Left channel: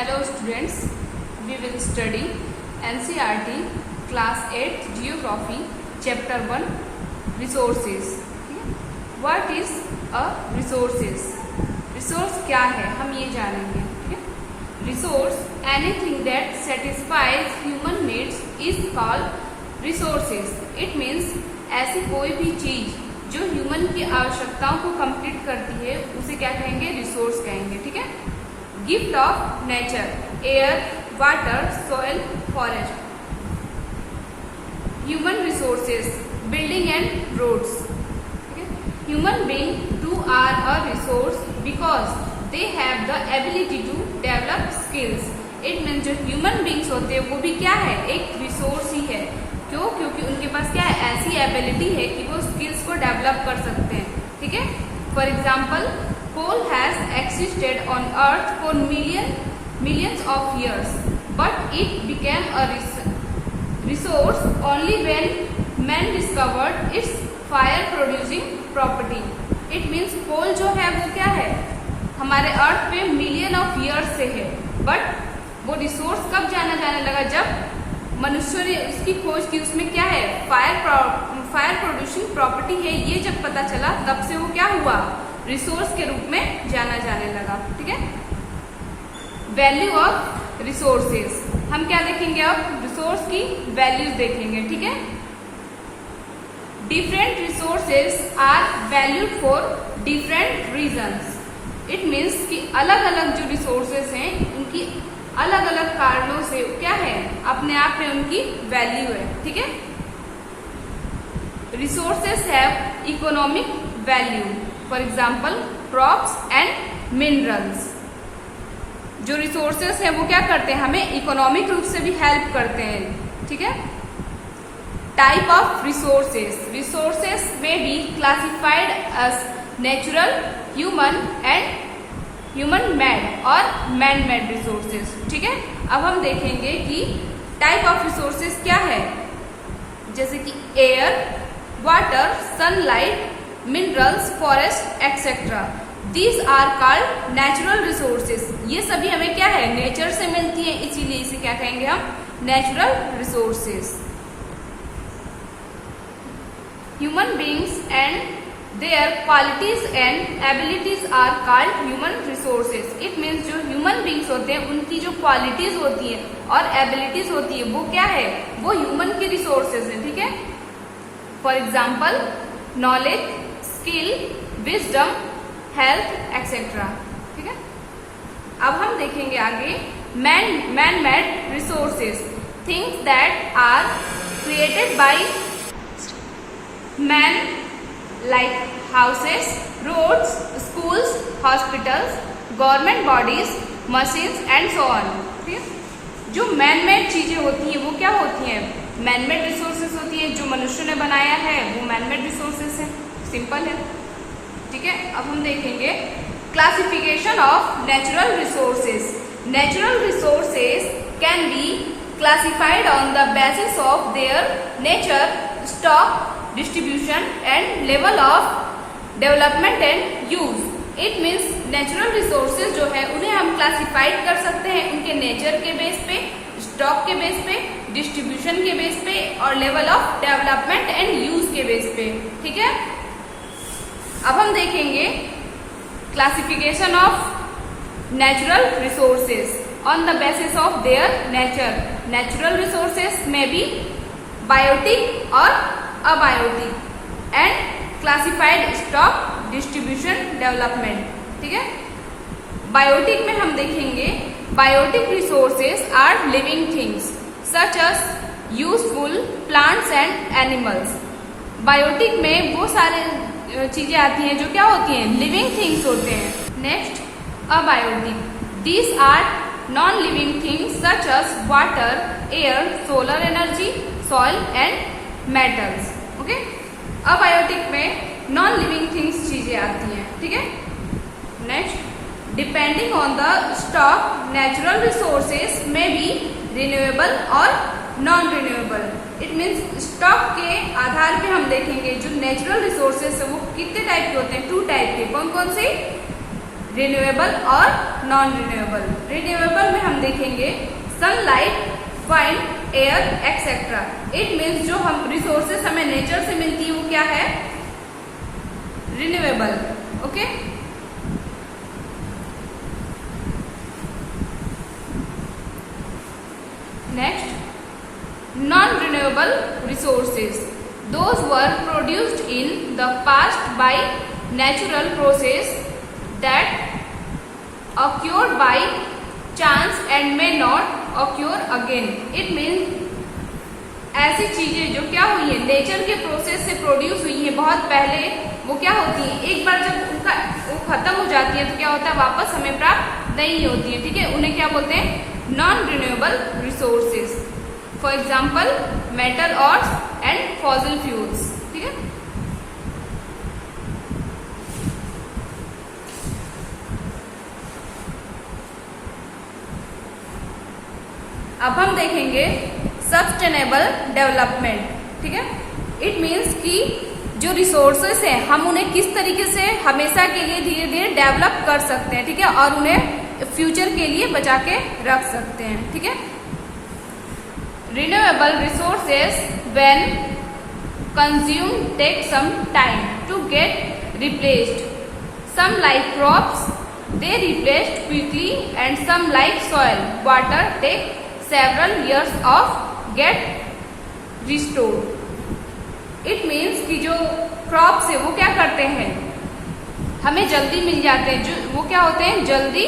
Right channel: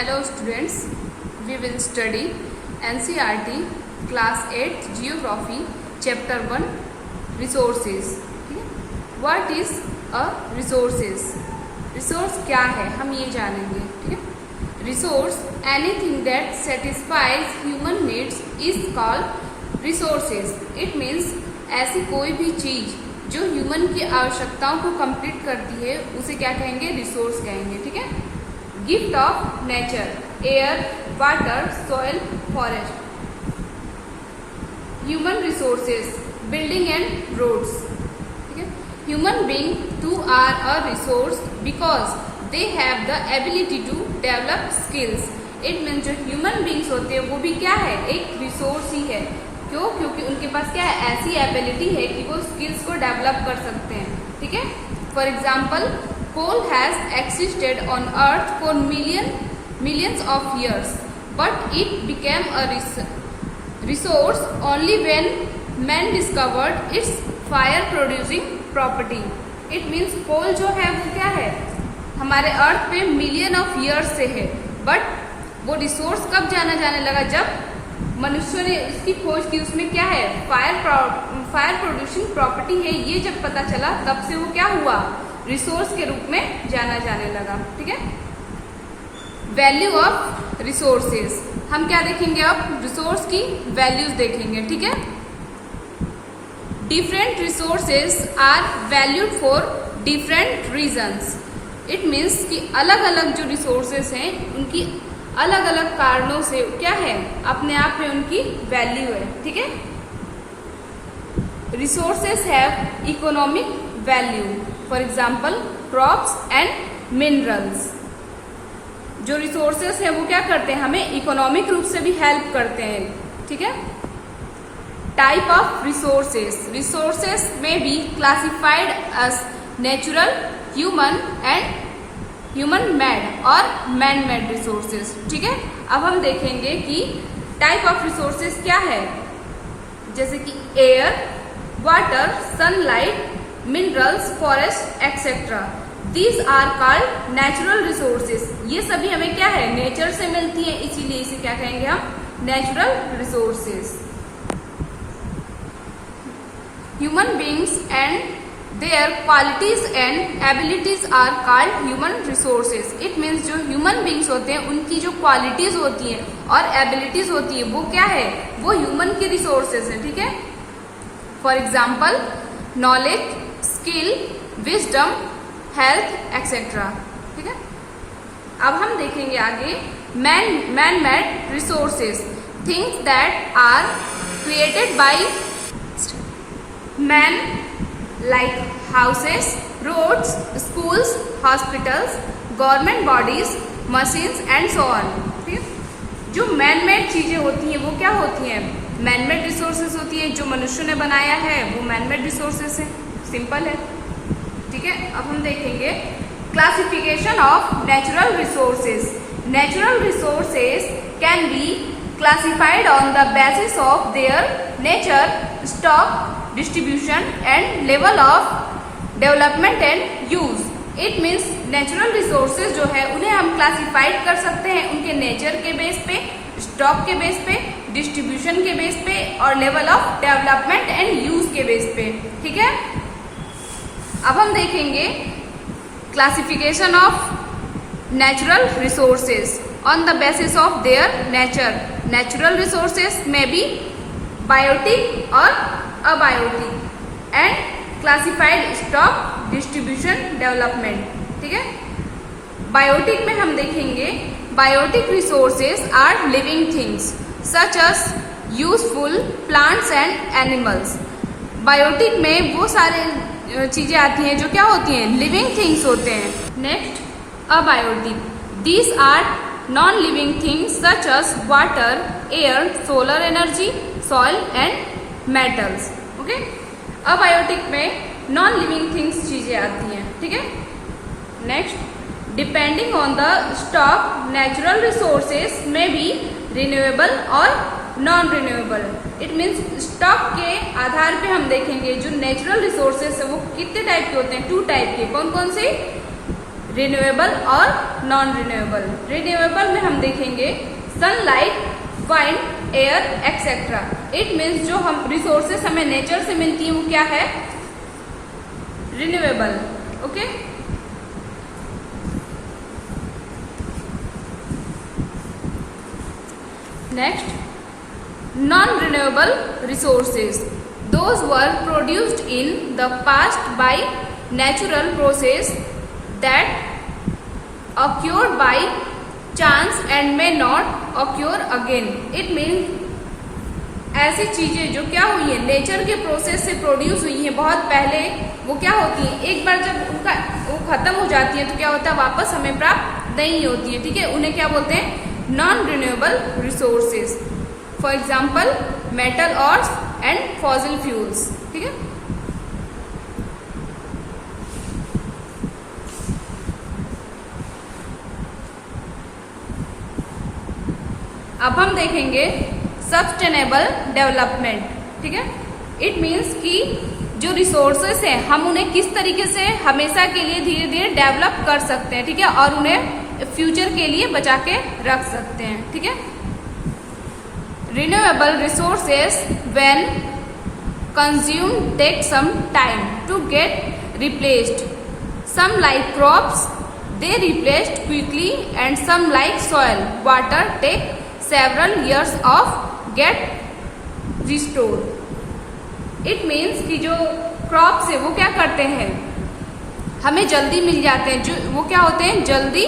Hello students, we will study NCERT class 8 Geography chapter 1 Resources. What is a resources? Resource क्या है हम ये जानेंगे. ठीक है. Resource anything that satisfies human needs is called resources. It means ऐसी कोई भी चीज जो ह्यूमन की आवश्यकताओं को कंप्लीट करती है उसे क्या कहेंगे, रिसोर्स कहेंगे. ठीक है. Gift of nature, air, water, soil, forest. Human resources, building and roads. ठीक है. Human being too are a resource because they have the ability to develop skills. It means जो ह्यूमन बींग्स होते हैं वो भी क्या है, एक रिसोर्स ही है. क्यों? क्योंकि उनके पास क्या है, ऐसी एबिलिटी है कि वो स्किल्स को डेवलप कर सकते हैं. ठीक है. For example, coal has existed on earth for millions of years, but it became a resource only when man discovered its fire producing property. It means coal जो है वो क्या है, हमारे अर्थ पे मिलियन ऑफ ईयर्स से है, बट वो रिसोर्स कब जाने लगा, जब मनुष्य ने उसकी खोज की. उसमें क्या है, फायर प्रोड्यूसिंग प्रॉपर्टी है, ये जब पता चला तब से वो क्या हुआ, रिसोर्स के रूप में जाने लगा. ठीक है. वैल्यू ऑफ रिसोर्सेस, हम क्या देखेंगे अब, रिसोर्स की वैल्यूज देखेंगे. ठीक है. Different resources are valued for different reasons. It means कि अलग अलग जो रिसोर्सेस हैं उनकी अलग अलग कारणों से क्या है, अपने आप में उनकी वैल्यू है. ठीक है. Resources have economic value. For example, crops and minerals. जो रिसोर्सेस हैं वो क्या करते हैं, हमें इकोनॉमिक रूप से भी हेल्प करते हैं. ठीक है. टाइप ऑफ रिसोर्सेस, रिसोर्सेस में be classified as natural, human and human made और मैन मेड रिसोर्सेस. ठीक है. अब हम देखेंगे कि टाइप ऑफ रिसोर्सेस क्या है, जैसे कि air, water, sunlight, minerals, forest etcetera. These are called natural resources. ये सभी हमें क्या है, नेचर से मिलती है, इसीलिए इसे क्या कहेंगे हम, natural resources. Human beings and their qualities and abilities are called human resources. It means जो ह्यूमन बींग्स होते हैं उनकी जो क्वालिटीज होती है और एबिलिटीज होती है वो क्या है, वो ह्यूमन की रिसोर्सेज है. ठीक है. For example, knowledge, skill, wisdom, health etcetera. ठीक है. अब हम देखेंगे आगे man made resources, things that are created by man, like houses, roads, schools, hospitals, government bodies, machines and so on. ठीक है. जो मैन मेड चीजें होती हैं वो क्या होती हैं, मैन मेड रिसोर्सेज होती है. जो मनुष्य ने बनाया है वो मैन मेड रिसोर्सेज है. सिंपल है. ठीक है. अब हम देखेंगे classification of natural resources. Natural resources can be classified on the basis of their nature, stock, distribution and level of development and use. It means natural resources जो है उन्हें हम क्लासिफाइड कर सकते हैं उनके नेचर के बेस पे, स्टॉक के बेस पे, डिस्ट्रीब्यूशन के बेस पे और level of development and use के बेस पे. ठीक है. अब हम देखेंगे classification of natural resources on the basis of their nature. Natural resources में बी बायोटिक और abiotic and classified stock, distribution, development. ठीक है. बायोटिक में हम देखेंगे biotic resources are living things such as useful plants and animals. Biotic में वो सारे चीजें आती हैं जो क्या होती हैं, लिविंग थिंग्स होते हैं. Next, abiotic. These are non living things such as water, air, solar energy, soil and metals. Okay. Abiotic में नॉन लिविंग थिंग्स चीजें आती हैं. ठीक है. Next, depending on the stock, natural resources में बी रिन्यूएबल और non renewable. It means stock के आधार पे हम देखेंगे जो नेचुरल रिसोर्सेज है वो कितने टाइप के होते हैं, 2 टाइप के. कौन कौन से, रिन्यूएबल और नॉन रिन्यूएबल। रिन्यूएबल में हम देखेंगे sunlight, wind, air etcetera. It means जो हम रिसोर्सेस हमें नेचर से मिलती है वो क्या है, renewable. Okay, next, non renewable resources, those were produced in the past by natural process that occurred by chance and may not occur again। It means ऐसी चीजें जो क्या हुई है, नेचर के प्रोसेस से प्रोड्यूस हुई है बहुत पहले, वो क्या होती है, एक बार जब उनका वो खत्म हो जाती है तो क्या होता है, वापस हमें प्राप्त नहीं होती है। ठीक है, उन्हें क्या बोलते हैं, non renewable resources. For example metal ores and fossil fuels. ठीक है, अब हम देखेंगे सस्टेनेबल डेवलपमेंट। ठीक है, इट मीन्स कि जो रिसोर्सेस हैं हम उन्हें किस तरीके से हमेशा के लिए धीरे धीरे डेवलप कर सकते हैं। ठीक है, और उन्हें फ्यूचर के लिए बचा के रख सकते हैं। ठीक है, renewable resources when consumed take some time to get replaced. Some like crops, they replaced quickly, and some like soil, water take several years of get restored. It means कि जो क्रॉप्स है वो क्या करते हैं, हमें जल्दी मिल जाते हैं, जो वो क्या होते हैं, जल्दी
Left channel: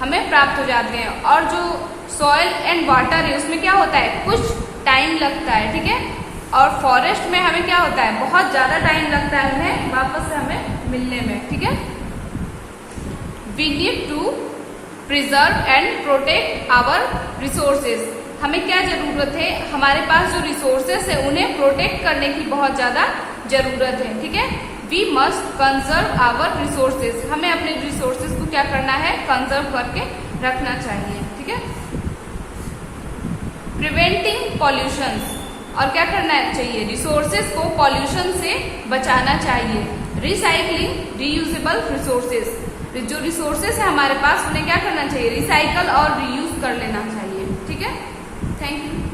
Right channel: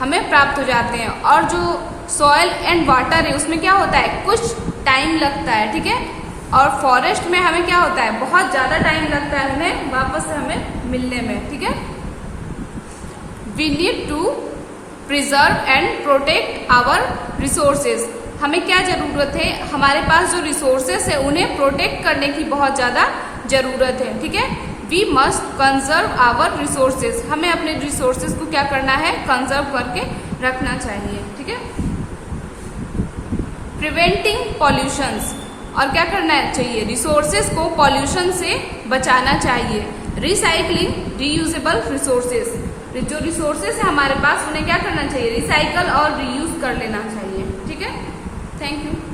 हमें प्राप्त हो जाते हैं। और जो सॉइल एंड वाटर है उसमें क्या होता है, कुछ टाइम लगता है। ठीक है, और फॉरेस्ट में हमें क्या होता है, बहुत ज्यादा टाइम लगता है उन्हें वापस से हमें मिलने में। ठीक है, we need to preserve and protect our resources. हमें क्या जरूरत है, हमारे पास जो रिसोर्सेस है उन्हें प्रोटेक्ट करने की बहुत ज्यादा जरूरत है। ठीक है, we must conserve our resources. हमें अपने रिसोर्सेज को क्या करना है, कंजर्व करके रखना चाहिए। ठीक है, प्रिवेंटिंग पॉल्यूशंस, और क्या करना चाहिए, रिसोर्सेज को पॉल्यूशन से बचाना चाहिए। रिसाइकलिंग रीयूजेबल रिसोर्सेज, जो रिसोर्सेज है हमारे पास उन्हें क्या करना चाहिए, रिसाइकल और रीयूज कर लेना चाहिए। ठीक है, थैंक यू।